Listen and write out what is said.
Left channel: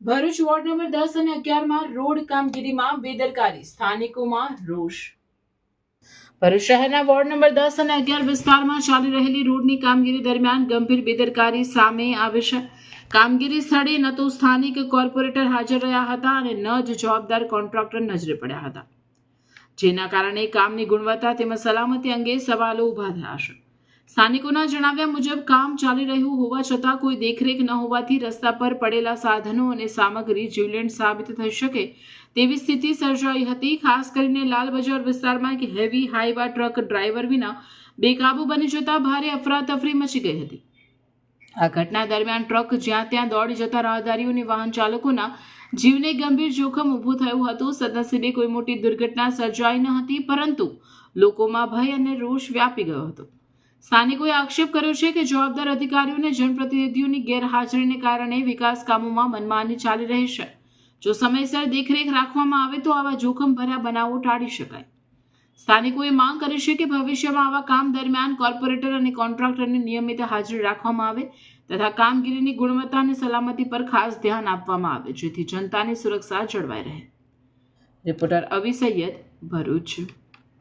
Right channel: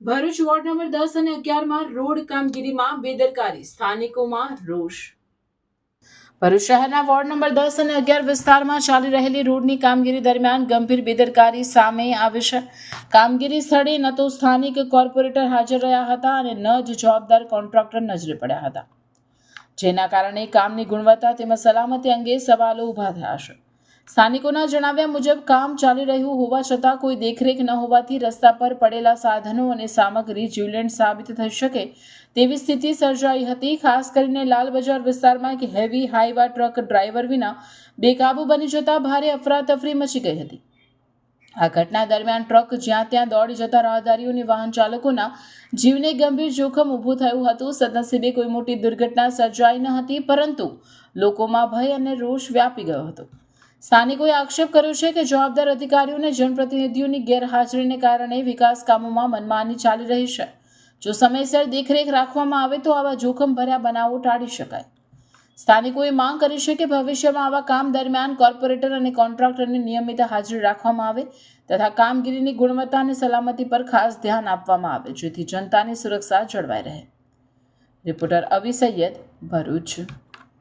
Bharuch ward number 10 અને 11 road કામગીરીમાં બેદરકારી, સ્થાનિકોમાં રોષ। ભરૂચ શહેરના વોર્ડ નંબર 10 અને 11 વિસ્તારમાં ચાલી રહેલી રોડની કામગીરી દરમિયાન ગંભીર બેદરકારી સામે આવી છે। કામગીરી સ્થળે ન તો સ્થાનિક કોર્પોરેટર હાજર રહ્યા હતા અને ન જ જવાબદાર કોન્ટ્રાક્ટર નજરે પડ્યા હતા, જેના કારણે કામની ગુણવત્તા તેમજ સલામતી અંગે સવાલો ઊભા થયા છે। સ્થાનિકોના જણાવ્યા મુજબ કામ ચાલી રહ્યું હોવા છતાં કોઈ દેખરેખ ન હોવાથી રસ્તા પર પડેલા સાધનો અને સામગ્રી જીવલેણ સાબિત થઈ શકે તેવી સ્થિતિ સર્જાઈ હતી। ખાસ કરીને લાલ બજાર વિસ્તારમાં એક હેવી હાઈવા ટ્રક ડ્રાઈવર વિના બેકાબુ બની જતા ભારે અફરાતફરી મચી ગઈ હતી। આ ઘટના દરમિયાન ટ્રક જ્યાં ત્યાં દોડી જતા રાહદારીઓ અને વાહન ચાલકોના જીવને ગંભીર જોખમ ઊભું થયું હતું। સદનસીબે કોઈ મોટી દુર્ઘટના સર્જાઈ ન હતી, પરંતુ લોકોમાં ભય અને રોષ વ્યાપી ગયો હતો। સ્થાનિકોએ આક્ષેપ કર્યો છે કે જવાબદાર અધિકારીઓ અને જનપ્રતિનિધિઓની ગેરહાજરીને કારણે વિકાસ કામોમાં મનમાની ચાલી રહી છે। જો સમયસર દેખરેખ રાખવામાં આવે તો આવા જોખમભર્યા બનાવો ટાળી શકાય। સ્થાનિકોએ માંગ કરી છે કે ભવિષ્યમાં આવા કામ દરમિયાન કોર્પોરેટર અને કોન્ટ્રાક્ટરની નિયમિત હાજરી રાખવામાં આવે તથા કામગીરીની ગુણવત્તા અને સલામતી પર ખાસ ધ્યાન આપવામાં આવે, જેથી જનતાની સુરક્ષા જળવાઈ રહે। રિપોર્ટર અવી સૈયદ, ભરૂચ।